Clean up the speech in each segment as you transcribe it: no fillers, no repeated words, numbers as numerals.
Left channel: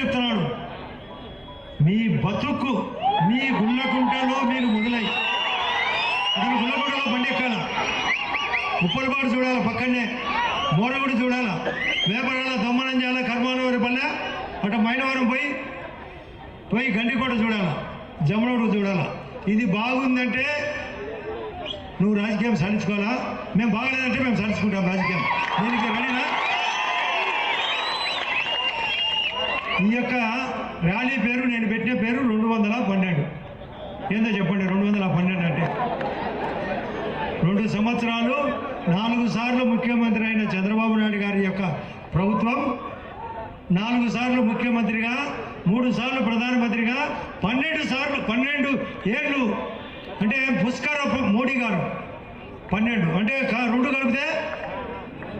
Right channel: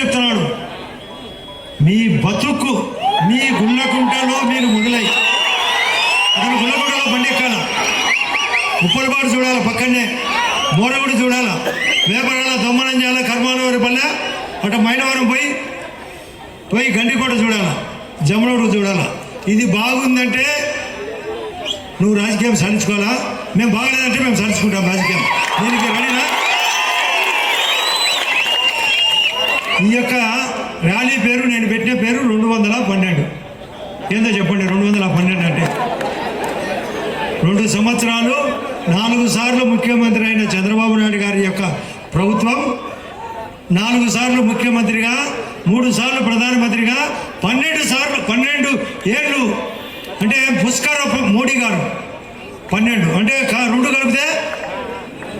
చెప్తున్నాడు, మీ బతుకు మీ గుళ్ళకుంటలో మీరు మొదలై అతను గుళ్ళకుంటలో బండి ఎక్కాల, ఉప్పలపాడు చూడాలి, పక్కనే మోరగుడి చూడాలా, వేపరాల దమ్మనం చేయాలి, కర్మానవరి పల్లె అటు మైనవరం పోయి గండికోట చూడాలా, జమనోడు చూడాలా. ఇది బాగుందంటే నువ్వు రాజకీయం సాధించుకోవాలా, మేము బాగలేదంటే మేము సాధించుకుంటాం రాజకీయం. దీనికి రెడీనా? ఈ యొక్క ర్యాలీ పేరు నేను పెట్టిన పేరు 212. ఏందో చెప్పండి, 212 అంటే 2 సంవత్సరాలు 4 సార్లు ముఖ్యమంత్రి అయిన చంద్రబాబు నాయుడు గారి యొక్క ప్రభుత్వం, 4 సార్లు ముఖ్యమంత్రిగా, 3 సార్లు ప్రధానమంత్రిగా, 12 ఏళ్ళు అంటే పుష్కర మోడీ గారు 12 అంటే 2 కలిపితే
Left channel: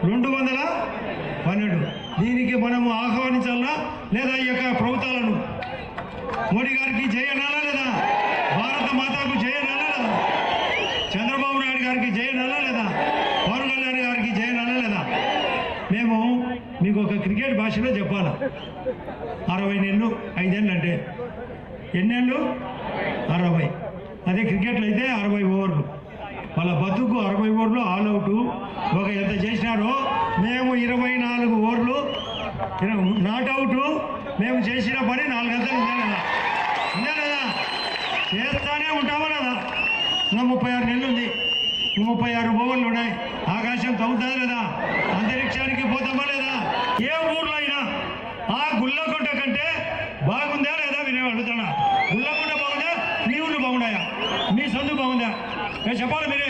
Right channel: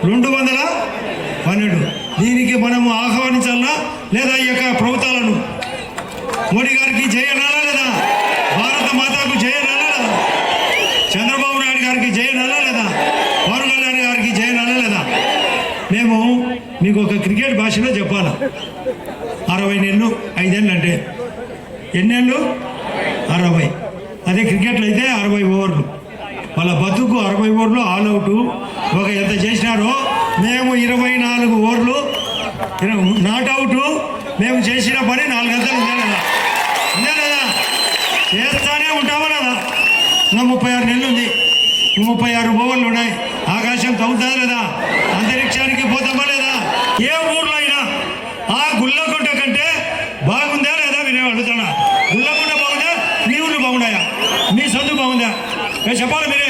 212. దీనికి మనము ఆహ్వానించాలా లేదా? ఈ యొక్క ప్రభుత్వాలను మోడీ గారికి జయనాలా లేదా? భారత మాతకు జయనాలా లేదా? చంద్రబాబు నాయుడు గారికి జయనాలా లేదా? పవన్ కళ్యాణ్ గారికి జయనాలా లేదా? మేము మీకు ఒక క్రికెట్ భాషలో చెప్పాలా, 60 నెలలు 5 ఏళ్ళు అంటే ఎన్నేళ్ళు? 60. అదే క్రికెట్లో అయితే 60 ఓవర్లు. వాళ్ళ బతుకు 60 ఓవర్లు ఆల్ అవుట్. ఒక ఎంత చేసినారో మేము 24 ఓవర్లు నాట్అవుట్. మేము చేసిన పని 4 గంటలు ఉందా లేదా? ఉందా లేదా? చేస్తానే ఉంటామా లేదా? ఇంకా 36 నెలలు ఉంది, 36 ఓవర్లు ఉన్నాయి. ఆకాశం తగ్గుతుందా లేదా? అంతరిక్షానికి పోతామా లేదా? ఏ ఊర్లో అయినా ఆ గుళ్ళకుంట కంటే బాగుందా లేదా? నేనేం అడుగుతున్నా, గుళ్ళకుంట బాగుందా? మీ ఊళ్ళు బాగున్నాయా? మీ సొంత బాగుందా? చెప్పాలి మీరే.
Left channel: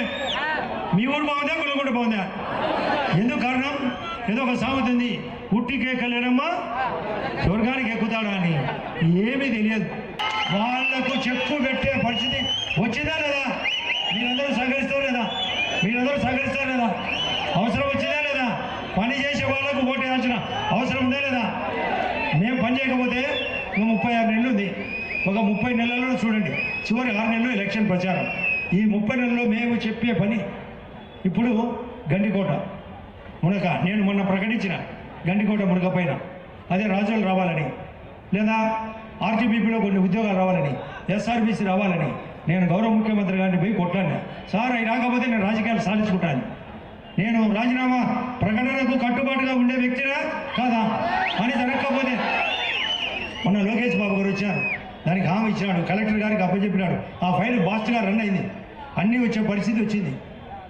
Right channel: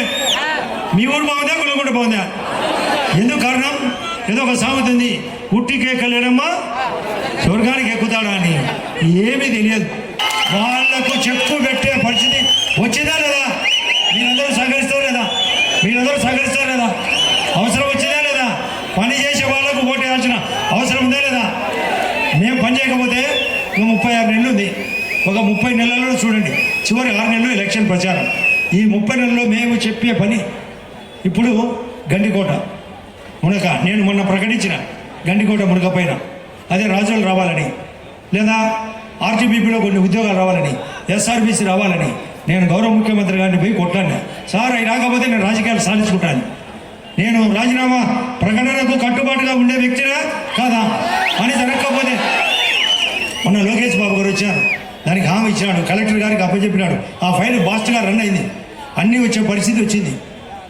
మీ ఊరు బాగుందా? గుళ్ళకుంట బాగుందా? ఎందుకు కారణం? ఏదో ఒక సామెత ఉంది, ఉట్టికి ఎక్కలేనమ్మా స్వర్గానికి ఎక్కుతాడా అని. ఏమీ తెలియదు. వాళ్లకు చెక్కు పెట్టే పరిస్థితి వచ్చిందా లేదా? మీరందరూ సహకరిస్తారు లేదా? అవసరం వచ్చిందా లేదా? పని చేసే వాళ్ళకు ఓటు వేయాల్సిన అవసరం ఉందా లేదా? మేము పని చేయకపోతే 36 నెలలు ఉంది. ఒక 30 నెలల్లో చూడండి, చివరి 6 నెలలు ఎలక్షన్ ప్రచారం. ఈ 30 నెలల్లో మేము చెప్పే పని. ఇప్పుడు గండికోట మునక నేను మొన్న ప్రకటించిన గండికోట మునక పైన అదే రాజులు రావాలని, లేదా ఆర్టీబీపీలో కొన్ని ఉద్యోగాలు రావాలని, ఎస్ఆర్బీసీ రావాలని నేను గౌరవ ముఖ్యమంత్రి గారిని పోయి కొట్లాడినా. సార్ అవి రాకపోతే నేను రాజకీయాలు సాధించుకుంటాను, నేను రాజీనామా ప్రకటనకు కట్టుబాటుగా ఉండే వ్యక్తినా కాదా అని జరగకపోతే మొన్న లోకేష్ బాబు గారు వచ్చారు, దానికి హామీ ఇచ్చినాడు, కలెక్టర్ గారికి అప్పచెప్పినాడు. ఆ ఫైల్ బాస్ట్గా రన్ అయింది, అన్నీ వచ్చే పరిస్థితి వచ్చింది.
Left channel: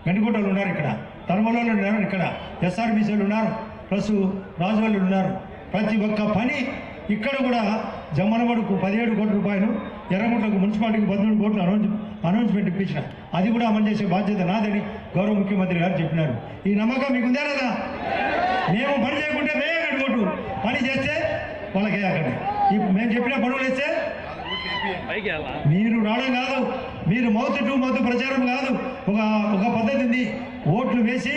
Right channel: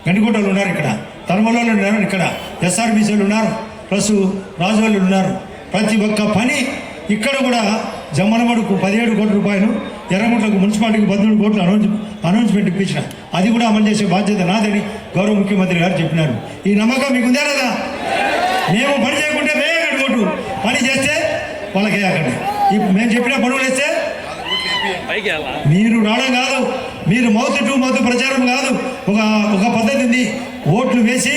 గండికోటలు ఉన్నారు, ఇక్కడ తలమలలో ఉన్నారు, ఇక్కడ ఎస్ఆర్బీసీలు ఉన్నారు, ప్లస్ రాజువాళ్ళు ఉన్నారు. ప్రతి ఒక్క పని ఇక్కడ కూడా జమ్మలమడుకు 17 కోట్ల రూపాయలు, ఎర్రగుంటలకు మున్సిపాలిటీకి 13 కోట్లు అనౌన్స్మెంట్ ఇప్పించిన. అది కూడా అమలు చేసే బాధ్యత నాదని గౌరవ ముఖ్యమంత్రి గారు చెప్పినారు. ఈ నమ్మకం మీకు ఉందా లేదా? మేము పని చేయకుంటే వేయకండి ఓటు, పని చేస్తే వాళ్ళకి వేయకండి. మేము చెప్పిన పనులు వేస్తే మీరు రావడం కాదు, మీరు మౌత్ టు మౌత్ ప్రచారం కాదు. ఒక పద్ధతి ఉంది, ఓట్లు వేసి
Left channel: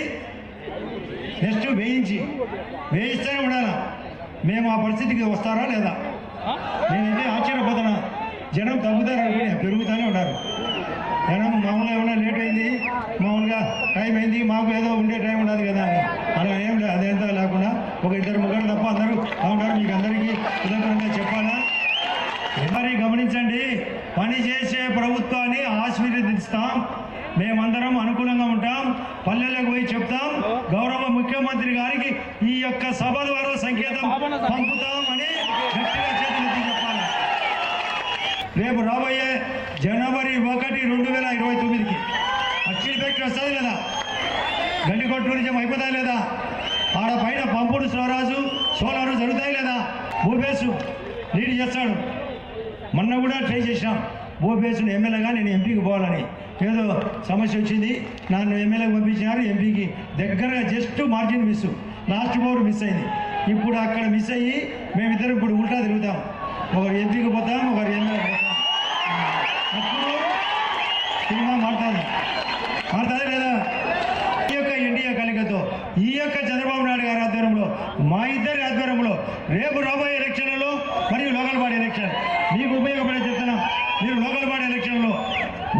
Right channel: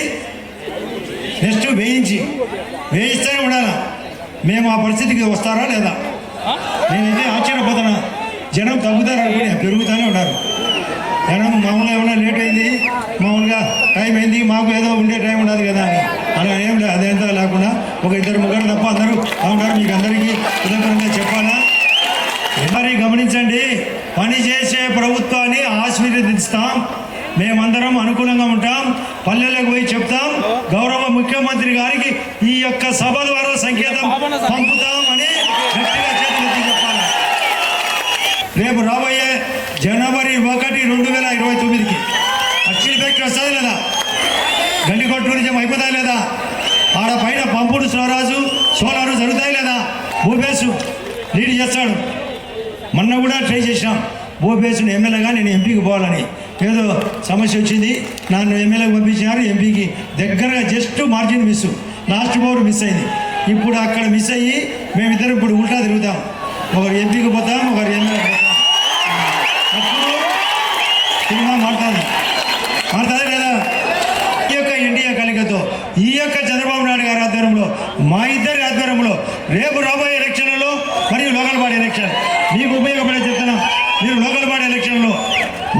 నెక్స్ట్ వేయిస్తూనే ఉండాలా. మేము ఆ పరిస్థితికి వస్తారా లేదా? నేనైతే ఆశ్చర్యపోతున్నా. జనం తగ్గుతారు అనుకునే పెరుగుతూనే ఉన్నారు. జనం మామూలుగా ఏమన్నా లేట్ అయింది, మామూలుగా టైం అయింది, మాకు ఏదో ఉండే టైం ఉండదు కదా అని అలా ఏం లేదు. అదేంతా లేకుండా ఒక 2-3 తప్ప అందరూ బాగుంటారు. మీకు అందరికీ కృతజ్ఞతగా చెప్పాలా? మరి గమనించండి, పని చేసే ప్రభుత్వాన్ని ఆశీర్వదిస్తాం, మేమందరం అనుకూలంగా ఉంటాం, పల్లెలకు పోయి చెప్తాం, గౌరవ ముఖ్యమంత్రి గారికి ఈ యొక్క సభ ద్వారా సంకేతం పంపుతాం అని గట్టిగా చేతులెత్తి చెప్పాలి. రేపు రాబోయే జనవరి 1, 2029కి అఖిల ఫ్యాక్టరీ వస్తుంది లేదా? గండికోట టూరిజం అయిపోతాయి లేదా? ఆడ పైన పంపుడు సోలారు జరుగుతాయి లేదా? భూపేశు లీడ్ చేస్తాడు. మొన్న కూడా ట్రై చేసినాం, భూపేశుని ఎమ్మెల్యేగా నేను ఎంపీకి పోవాలని. ఏదో సమస్య వచ్చింది, నన్ను ఎమ్మెల్యేకి పంపించినారు. ఎంపీకి దగ్గరగా just margin miss, last over miss అయింది. ఇప్పుడు అక్కడ మిస్ అయ్యి మేమిద్దరం ఇప్పుడు ఉల్టా తిరుగుతాం. ఒకరు ఎంపీకి పోతాం, ఒకరు ఎమ్మెల్యేకి పోతాం. అప్పుడు సినిమా మారుతుంది లేదా? ఈ యొక్క ఎన్డీఏ కలిగతో ఈ యొక్క చంద్రబాబు నాయుడు గారి ఆధ్వర్యంలో, మా ఇద్దరి ఆధ్వర్యంలో రేపు రాబోయే ఎలక్షన్లలో మరియు లోకల్ బాడీ ఎలక్షన్ మీకు ఉపయోగపడే చెప్తున్నాం. మీరు లోకల్ బాడీ ఎలక్షన్లో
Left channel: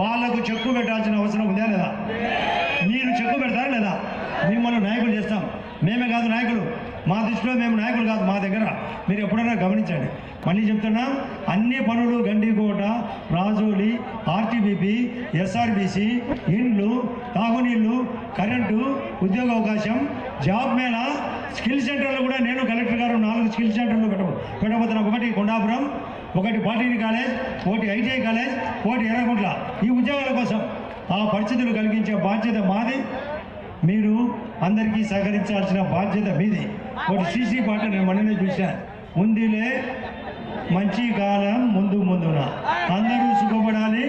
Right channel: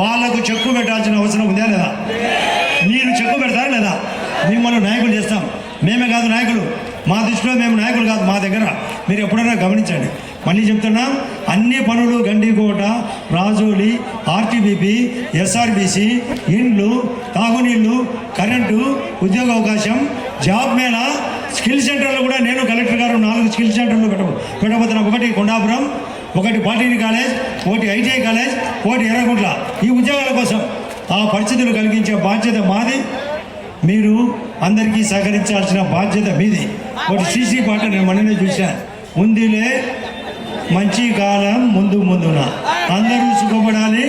వాళ్లకు చెక్కు పెట్టాల్సిన అవసరం ఉందా లేదా? మీరు చెక్కు పెడతారా లేదా? మిమ్మల్ని నాయకులు చేస్తాం. మేమే కాదు నాయకులు, మా దృష్టిలో మేము నాయకులు కాదు, మా దగ్గర మీరు ఎప్పుడైనా గమనించండి. మళ్ళీ చెప్తున్నాం, అన్ని పనులు గండికోట, రాజోలి, ఆర్టీబీపీ, ఎస్ఆర్బీసీ, ఇండ్లు, తాగునీళ్ళు, కరెంటు, ఉద్యోగ అవకాశం, జాబ్ మేళా, స్కిల్ సెంటర్లు కూడా నేను కలెక్టర్ గారు 4 స్కిల్ సెంటర్లు పెట్టబోతున్నాం. ఒకటి కొండాపురం, ఒకటి పాలిటెక్నిక్ కాలేజ్, ఒకటి ఐటీఐ కాలేజ్, ఒకటి ఎర్రగుంట్ల. ఈ ఉద్యోగాల కోసం ఆ పరిస్థితులు కలిగించే బాధ్యత మాది. మీరు అందరికీ సహకరించాల్సిన బాధ్యత మీది. ఒకటి సీసీ పాట నేను మొన్ననే చూశాను, ఉందిలే మంచి కాలం ముందు ముందున, అందరూ సుఖపడాలి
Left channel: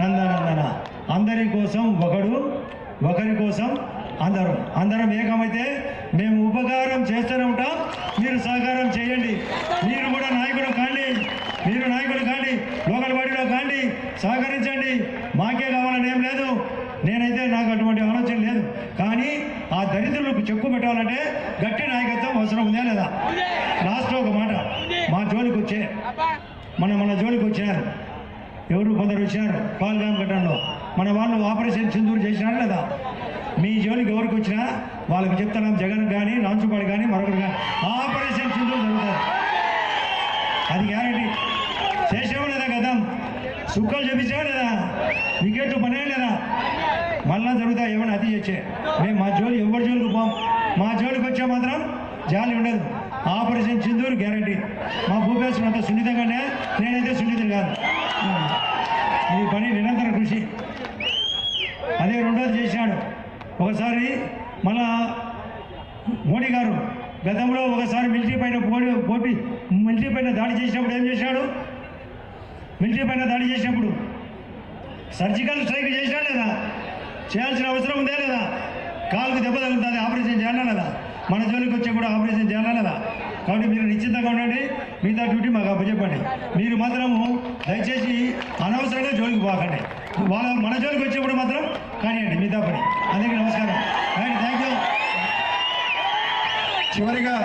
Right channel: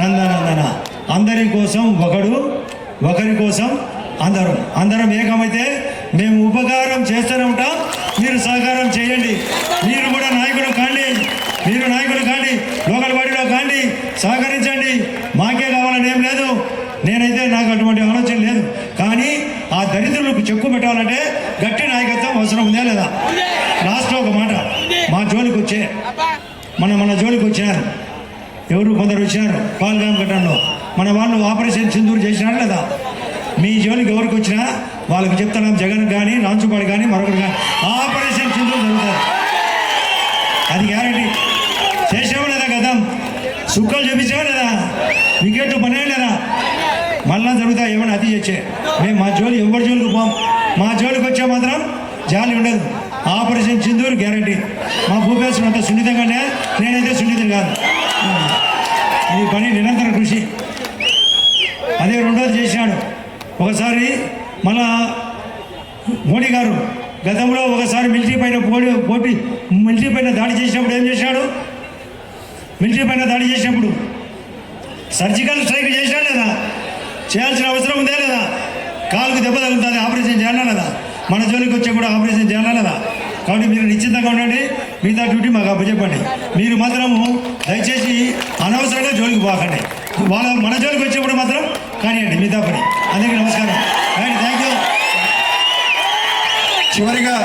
నందనందన, అందరి కోసం ఒకడు, ఒకరి కోసం అందరం ఏకమైతే మేము ఉపకారం చేస్తూనే ఉంటాం. మీరు సహకారం చేయండి. మీరు కూడా నాయకులు కాండి, లోకల్ బాడీలో కాండి, సహకరించండి. మాకే కావాలని ఏం లేదు, నేనైతే నాకు అటువంటి ఆలోచన లేదు. కానీ ఆ దరిద్రులకు చెక్కు పెట్టాలంటే గట్టి నాయకత్వం అవసరం ఉందా లేదా? లాస్ట్లో ఒక మాట, మా జోలికి వచ్చే మన జోలికి వచ్చినారు ఎవరు, కొందరు వచ్చినారు పాల్గాం ఘటనలో. మన వాళ్ళు ఆపరేషన్ సింధూర్ చేసినారు లేదా? మీ జోలికి ఎవరికి వచ్చినా వాళ్ళకి చెప్తున్నాం, జగన్ కానీ రాంచుపాడు కానీ మరొకరు కానీ ఆపరేషన్ సింధూర్ జరుగుతారు, అది గ్యారంటీ. చేసాము లేదా గతం? సుక్కలు చూపించాము లేదా? వికెట్లు పనే లేదా? మళ్ళా జరుగుతాయి ఏమైనా అతి చేసే. మేము మా జోలి ఎవరి జోలికి పోం. మా జోలికి వచ్చే మాత్రం జాలి ఉండదు. Operation Sindoor guarantee. మా భూపేశ్వరం అంత సున్నితంగానే, నేనైతే సున్నితం కాదు. ఈ పని నిరంతర కృషి. అదే రెండోది చేశాడు. ఒకసారి మళ్ళా మోడీ గారు గతంలో ఒకసారి మిలిటరీ పైన దాడి చేసినప్పుడు ఏం చేశాడు? మిలిటరీ పైన దాడి చేసినప్పుడు సర్జికల్ స్ట్రైక్ చేశాడు లేదా? చేయాల్సిన అవసరం ఉందా లేదా? కాలుకు దెబ్బ తగులుతుంది, ఆపరేషన్ చేయాలా లేదా? మన జోలికి వచ్చే కూడా ఆపరేషన్ చేయాలా లేదా? కాబట్టి మీరు నిశ్చితంగా ఉండండి, మిగతా డ్యూటీ మాకు అప్పచెప్పండి. మీరు మాత్రము దయచేసి అనవసరంగా జోలికి పోకండి. మన జోలికి వచ్చేప్పుడు మాత్రం కానివ్వండి మిగతా పని. అందరికీ నమస్కారం. Thank you. చివరిగా